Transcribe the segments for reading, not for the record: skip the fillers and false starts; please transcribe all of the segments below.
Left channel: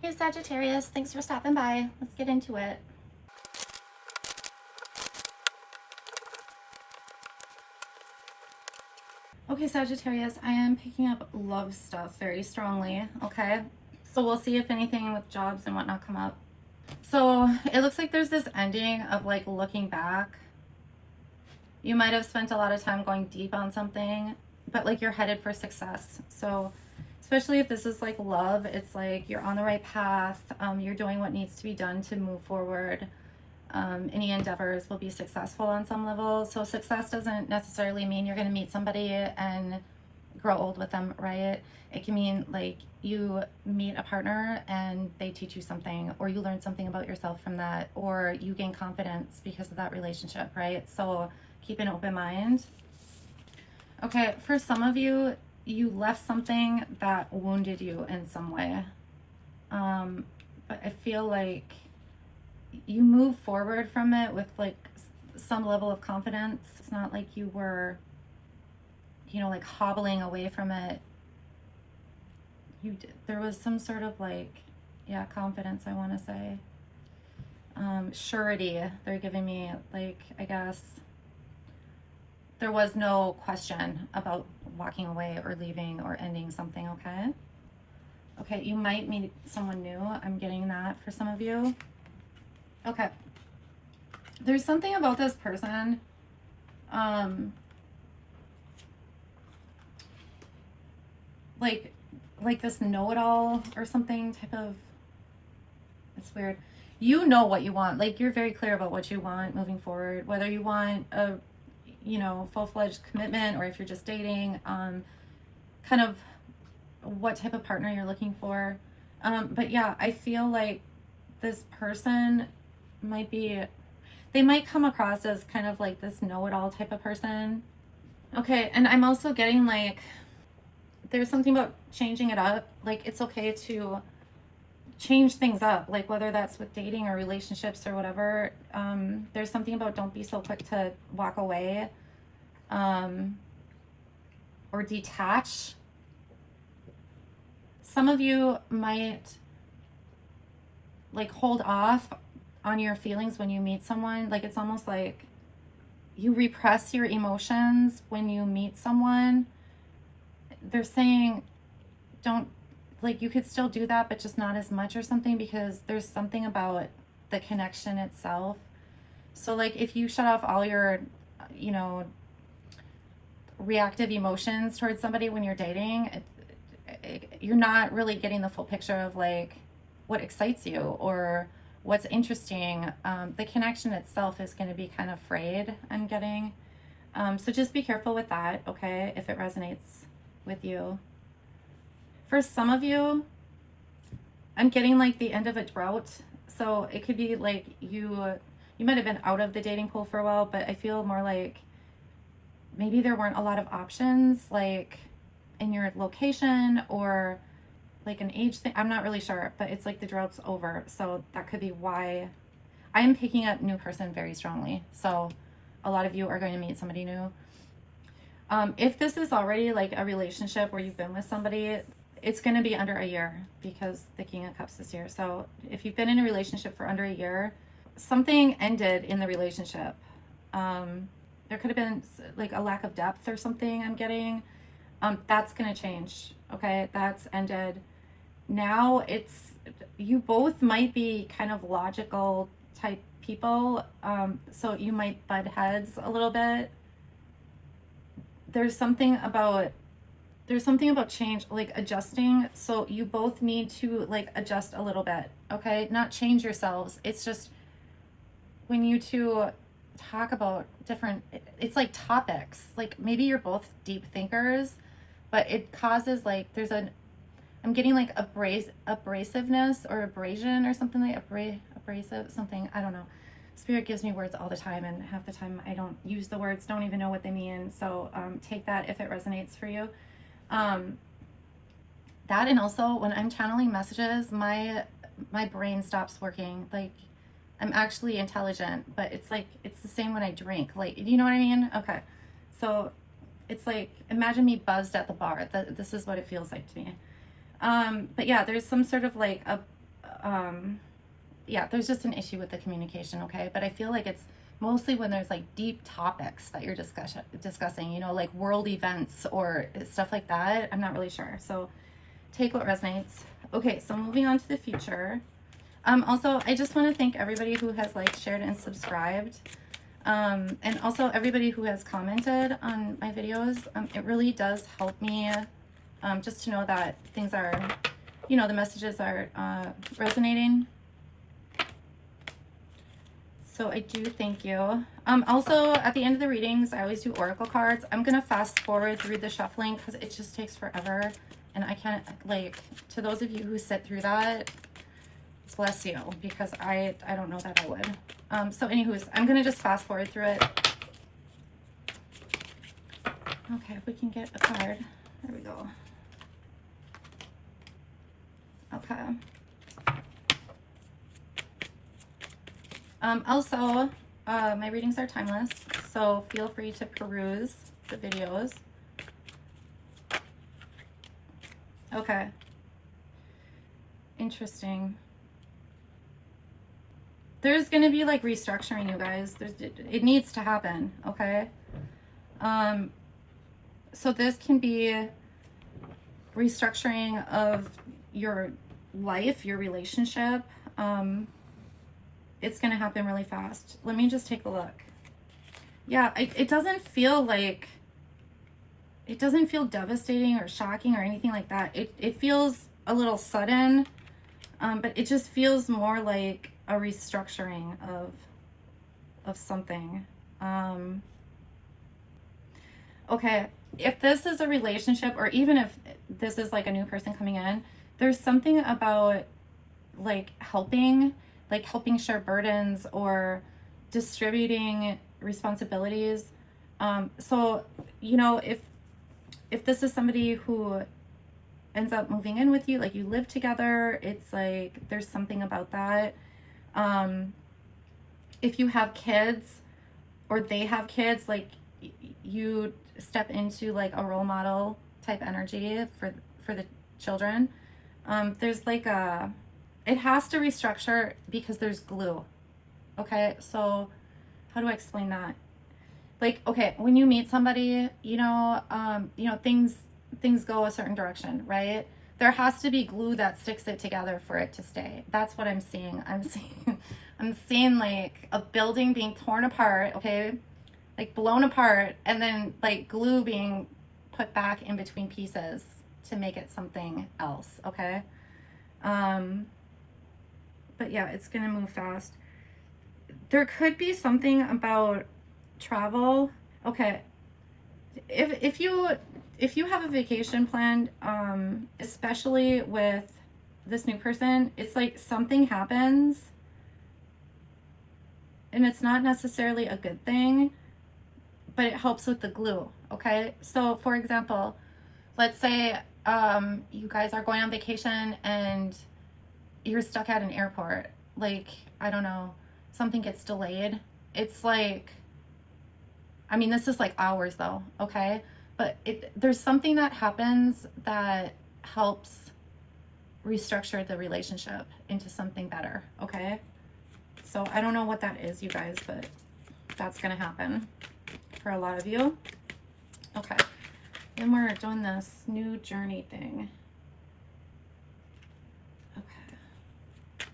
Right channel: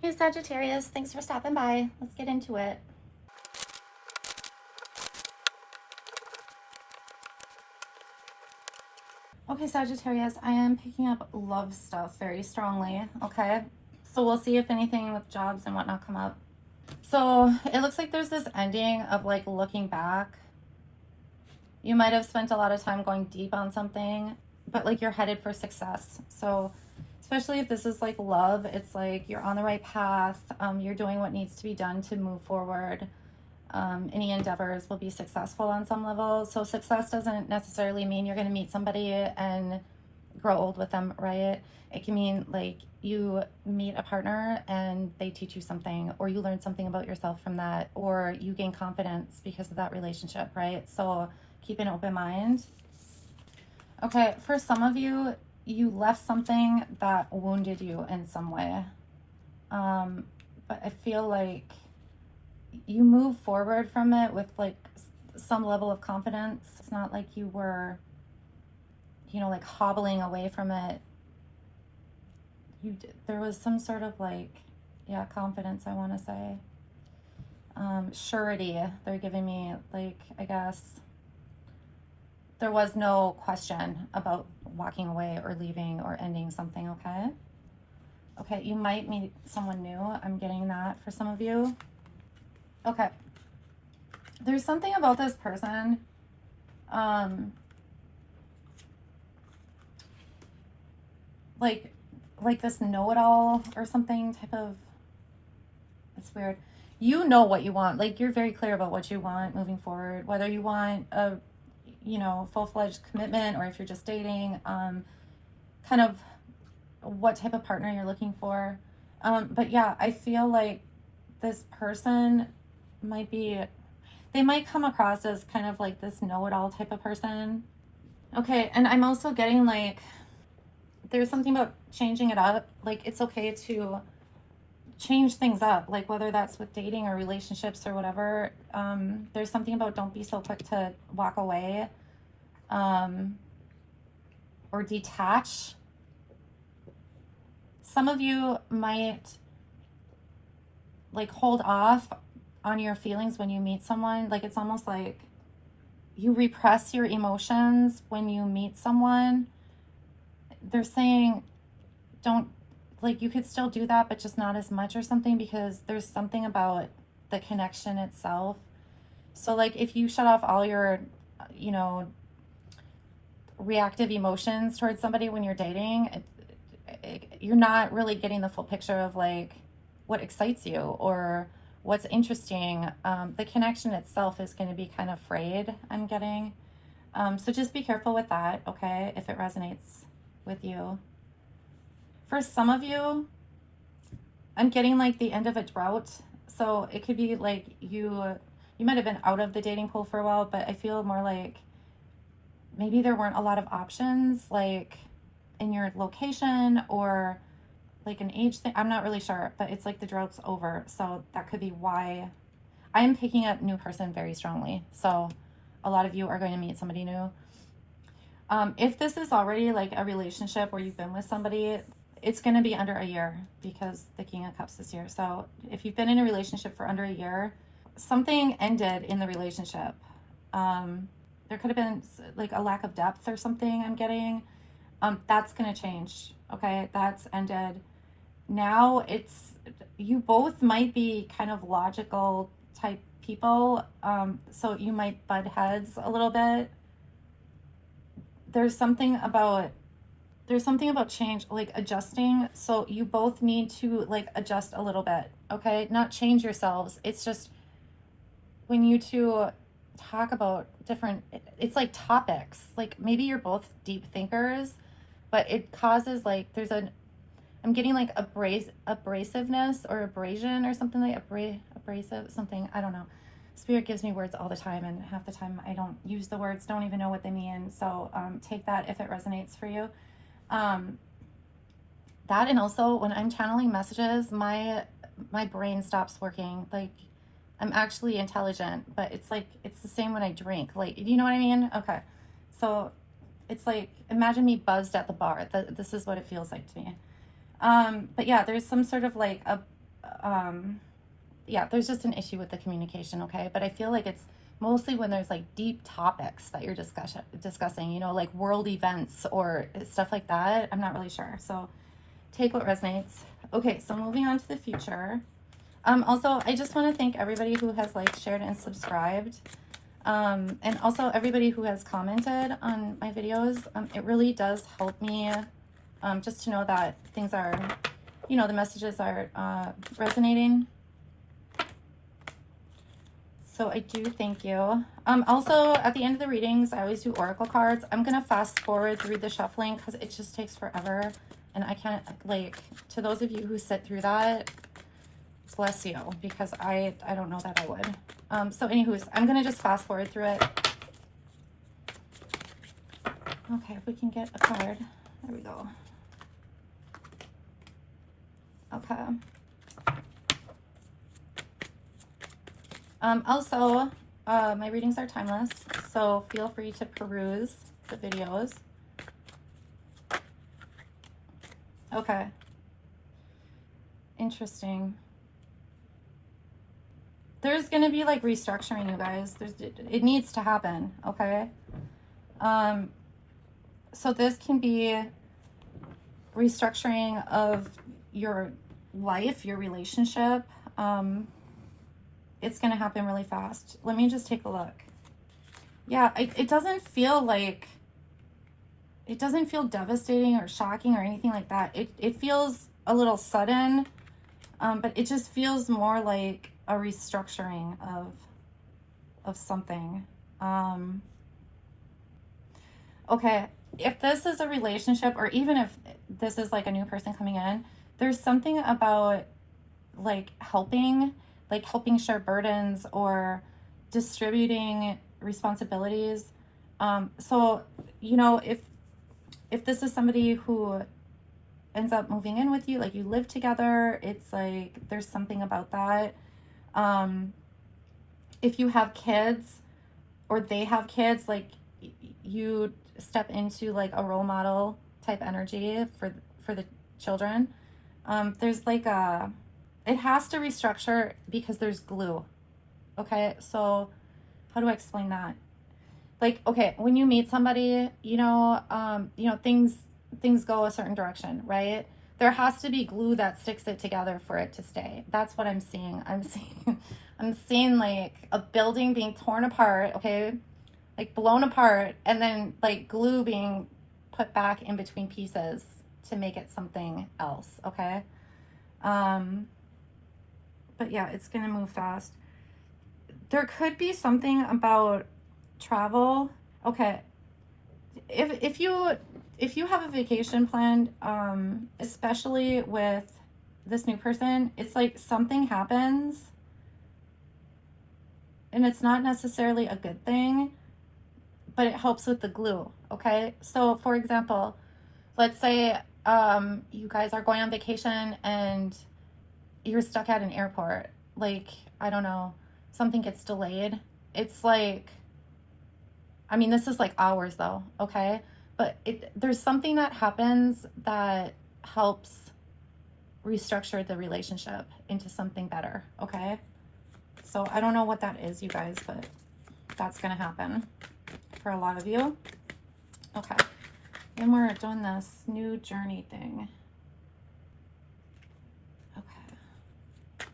Hey Sagittarius, thanks for stopping by. Let's get into it. Okay, Sagittarius, I am picking up love stuff very strongly, okay? So we'll see if anything with jobs and whatnot come up. So it looks like there's this ending of like looking back. You might have spent a lot of time going deep on something, but like you're headed for success. So especially if this is like love, it's like you're on the right path. You're doing what needs to be done to move forward. Any endeavors will be successful on some level. So success doesn't necessarily mean you're going to meet somebody and grow old with them, right? It can mean like you meet a partner and they teach you something, or you learn something about yourself from that, or you gain confidence because of that relationship, right? So keep an open mind. Okay, for some of you, you left something that wounded you in some way. But I feel like you move forward from it with like some level of confidence. It's not like you were, like hobbling away from it. There was some sort of like, yeah, confidence, I want to say. Surety, they're giving me, like, I guess there was no question about walking away or leaving or ending something, okay? Okay, you might meet someone new. I'm getting that for some of you. Okay. There's something about this person. Like this know-it-all or something type of, it's weird. You know what you want. Like you're very clear about what you want moving forward, whether you want a, full-fledged commitment or if you're just dating, kind of what type of partner you're looking for. But yeah, I feel like this person they might come across as kind of like this know-it-all type of person. Okay, and I'm also getting like, there's something about changing it up. Like it's okay to change things up, like whether that's with dating or relationships or whatever. There's something about don't be so quick to walk away, or detach. Some of you might like hold off on your feelings when you meet someone. Like it's almost like you repress your emotions when you meet someone. They're saying don't, like, you could still do that but just not as much or something, because there's something about the connection itself. So like if you shut off all your reactive emotions towards somebody when you're dating, you're not really getting the full picture of like what excites you or what's interesting. The connection itself is going to be kind of frayed, I'm getting. So just be careful with that, okay, if it resonates with you. For some of you, I'm getting like the end of a drought. So it could be like you might have been out of the dating pool for a while, but I feel more like maybe there weren't a lot of options like in your location or like an age thing. I'm not really sure, but it's like the drought's over. So that could be why I am picking up new person very strongly. So a lot of you are going to meet somebody new. If this is already like a relationship where you've been with somebody, it's going to be under a year because the King of Cups is here. So if you've been in a relationship for under a year, something ended in the relationship. There could have been like a lack of depth or something, I'm getting. That's going to change. Okay, that's ended. Now you both might be kind of logical type people. So you might butt heads a little bit. There's something about change, like adjusting. So you both need to like adjust a little bit, okay? Not change yourselves. It's just when you two talk about different, it's like topics. Like maybe you're both deep thinkers, but it causes like I'm getting like abrasiveness or abrasion or something, like abrasive something. I don't know. Spirit gives me words all the time, and half the time I don't use the words, don't even know what they mean. So take that if it resonates for you. That, and also when I'm channeling messages, my brain stops working. Like I'm actually intelligent, but it's like it's the same when I drink. Like, you know what I mean? Okay, so it's like imagine me buzzed at the bar. This is what it feels like to me. But yeah, there's some sort of like yeah, there's just an issue with the communication, okay? But I feel like it's mostly when there's like deep topics that you're discussing, you know, like world events or stuff like that. I'm not really sure. So take what resonates. Okay, so moving on to the future. Also, I just want to thank everybody who has like shared and subscribed. And also everybody who has commented on my videos. It really does help me just to know that things are, you know, the messages are resonating. So I do thank you. Also, at the end of the readings, I always do oracle cards. I'm going to fast forward through the shuffling because it just takes forever. And I can't, like, to those of you who sit through that, bless you, because I don't know that I would. So anywhoos, I'm going to just fast forward through it. Okay, if we can get a card. There we go. Okay. Also, my readings are timeless, so feel free to peruse the videos. Okay. Interesting. There's going to be like restructuring, you guys. It needs to happen, okay? So this can be restructuring of your life, your relationship. It's going to happen really fast. Let me just take a look. Yeah, it doesn't feel like, it doesn't feel devastating or shocking or anything like that. It feels a little sudden, but it just feels more like a restructuring of something. Okay, if this is a relationship, or even if this is like a new person coming in, there's something about like helping share burdens or distributing responsibilities. So, you know, if this is somebody who ends up moving in with you, like you live together, it's like there's something about that. If you have kids or they have kids, like you step into like a role model type energy for the children. There's like it has to restructure because there's glue. Okay, so how do I explain that? Like, okay, when you meet somebody, you know, things go a certain direction, right? There has to be glue that sticks it together for it to stay. That's what I'm seeing. I'm seeing like a building being torn apart, okay? Like blown apart, and then like glue being put back in between pieces to make it something else, okay? But yeah, it's gonna move fast. There could be something about travel. Okay, if you have a vacation planned, especially with this new person, it's like something happens and it's not necessarily a good thing, but it helps with the glue. Okay, so for example, let's say you guys are going on vacation and you're stuck at an airport, like, I don't know, something gets delayed. It's like, I mean, this is like hours though, okay? But there's something that happens that helps restructure the relationship into something better, okay? So I don't know what that is, you guys, but that's gonna happen for a lot of you. Okay, then we're doing this new journey thing. Okay.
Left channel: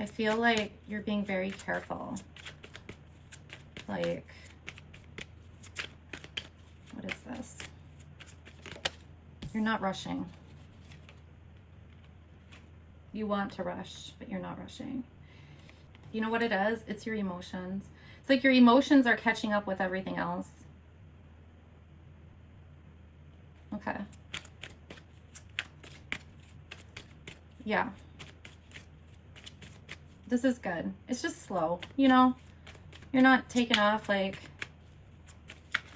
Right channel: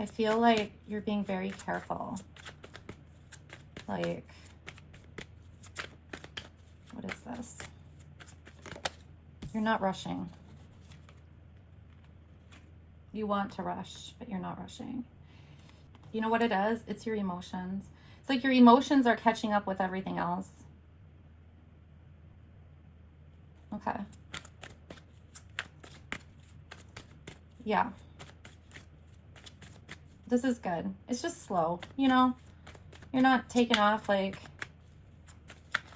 I feel like you're being very careful. Like, what is this? You're not rushing. You want to rush, but you're not rushing. You know what it is? It's your emotions. It's like your emotions are catching up with everything else. Okay. Yeah. This is good. It's just slow, you know? You're not taking off like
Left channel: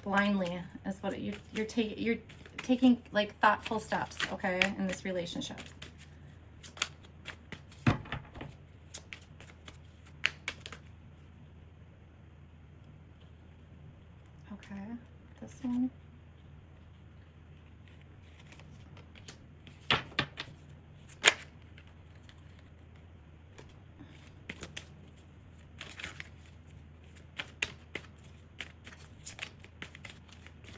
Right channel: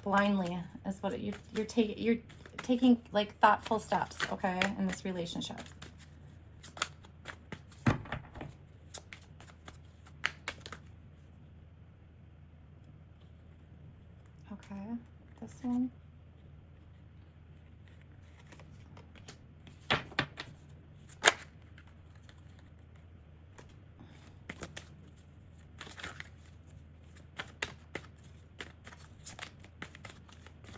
blindly is what you're taking like thoughtful steps, okay, in this relationship. Okay, this one.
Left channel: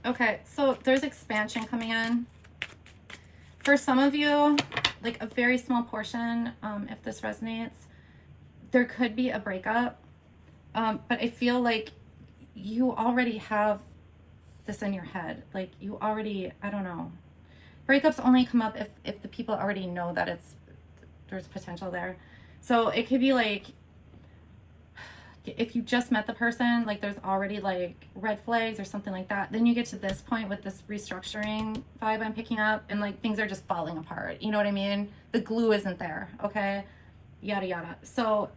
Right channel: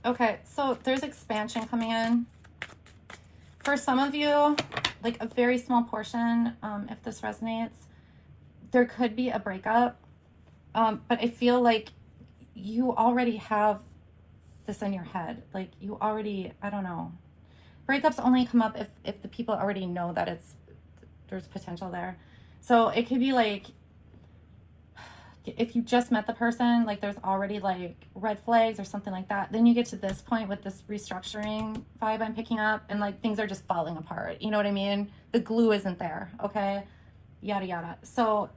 Okay, so there's expansion coming in. For some of you, like a very small portion, if this resonates, there could be a breakup. But I feel like you already have this in your head. Like you already, I don't know. Breakups only come up if the people already know that there's potential there. So it could be like, if you just met the person, like there's already like red flags or something like that. Then you get to this point with this restructuring vibe I'm picking up, and like things are just falling apart. You know what I mean? The glue isn't there. Okay, yada yada. So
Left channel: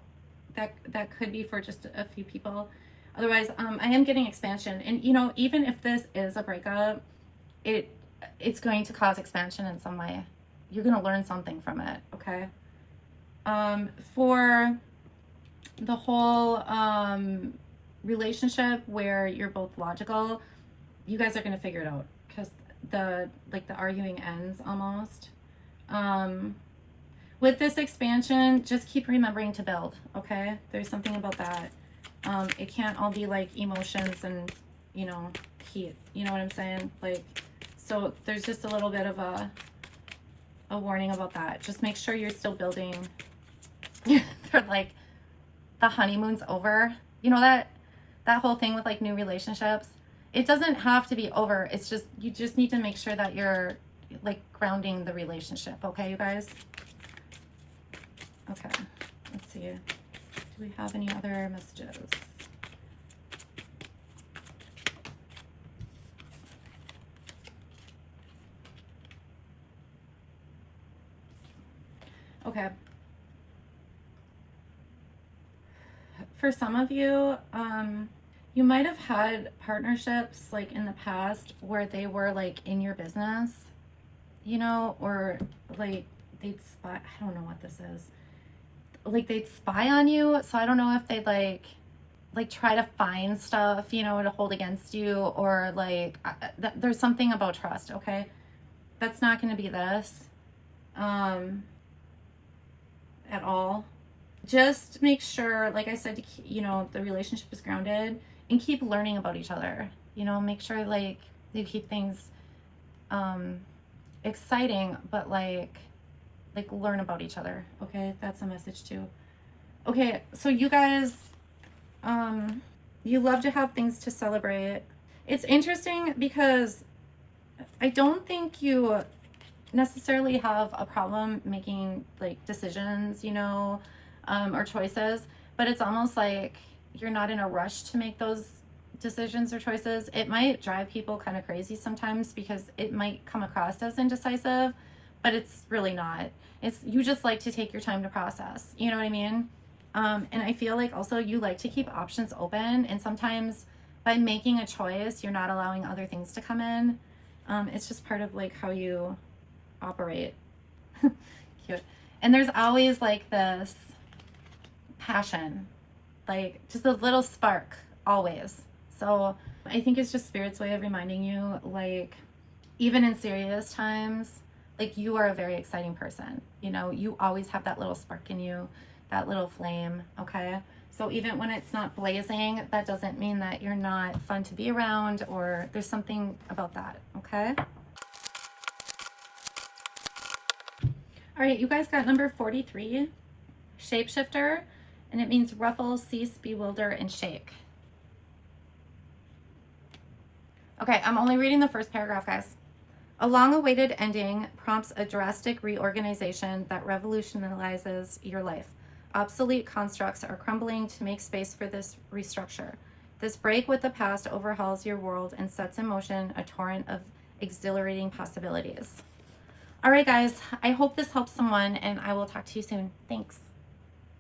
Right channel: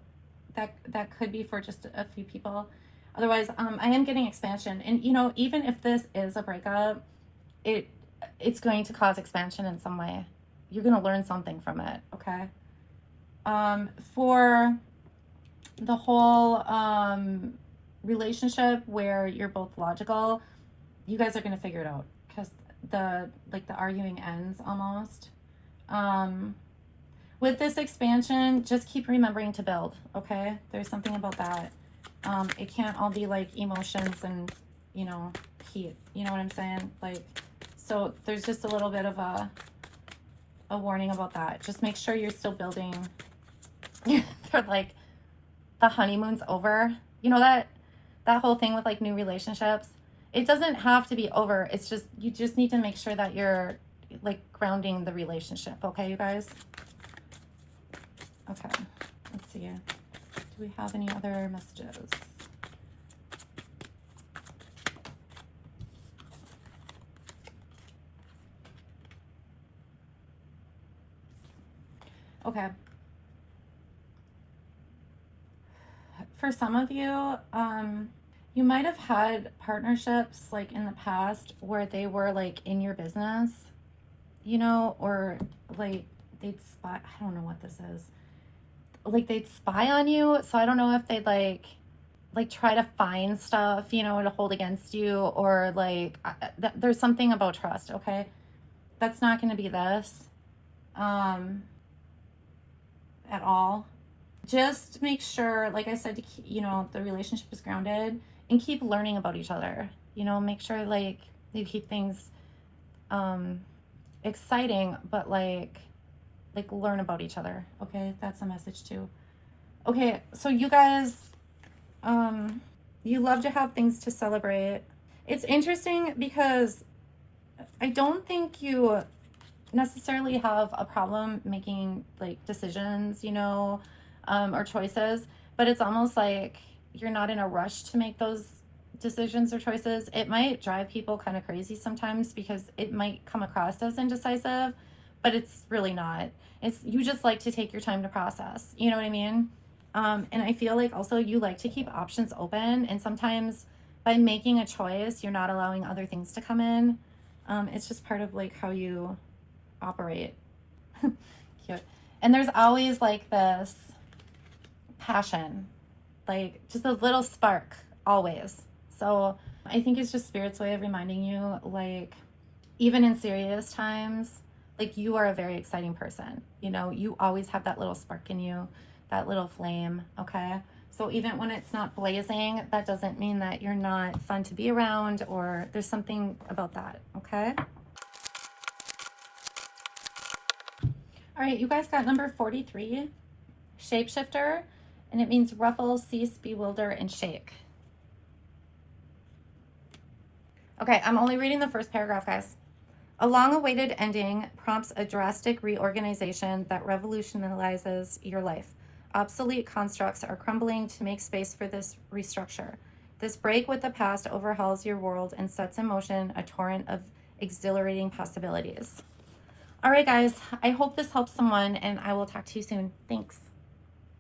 that could be for just a few people. Otherwise, I am getting expansion, and you know, even if this is a breakup, it's going to cause expansion in some way. You're gonna learn something from it. Okay. For the whole relationship where you're both logical, you guys are going to figure it out, because the arguing ends almost. With this expansion, just keep remembering to build. Okay, there's something about that. It can't all be like emotions and, you know, heat, you know what I'm saying? Like, so there's just a little bit of a warning about that. Just make sure you're still building. They're like, the honeymoon's over. You know that whole thing with like new relationships? It doesn't have to be over. It's just, you just need to make sure that you're like grounding the relationship. Okay, you guys? Okay, let's see. Do we have any other messages? Okay. For some of you, you might have had partnerships like in the past where they were like in your business, you know, or like they'd spy. I don't know what this is. Like they'd spy on you. So I don't know if they'd like try to find stuff, you know, to hold against you, or like there's something about trust. Okay, that's not going to be this at all. Just make sure, like I said, you know, the relationship is grounded, and keep learning about each other. You know, make sure like you keep things exciting, but like learn about each other. Okay, that's a message too. Okay, so you guys, you love to have things to celebrate. It's interesting because I don't think you necessarily have a problem making like decisions, you know, or choices, but it's almost like you're not in a rush to make those decisions or choices. It might drive people kind of crazy sometimes because it might come across as indecisive, but it's really not. It's, you just like to take your time to process, you know what I mean? And I feel like also you like to keep options open, and sometimes by making a choice, you're not allowing other things to come in. It's just part of like how you operate. Cute. And there's always like this passion, like just a little spark always. So I think it's just Spirit's way of reminding you, like, even in serious times, like you are a very exciting person. You know, you always have that little spark in you, that little flame. Okay, so even when it's not blazing, that doesn't mean that you're not fun to be around, or there's something about that. Okay. All right, you guys got number 43, shapeshifter, and it means ruffle, cease, bewilder, and shake. Okay, I'm only reading the first paragraph, guys. A long-awaited ending prompts a drastic reorganization that revolutionizes your life. Obsolete constructs are crumbling to make space for this restructure. This break with the past overhauls your world and sets in motion a torrent of exhilarating possibilities. All right, guys, I hope this helps someone, and I will talk to you soon. Thanks.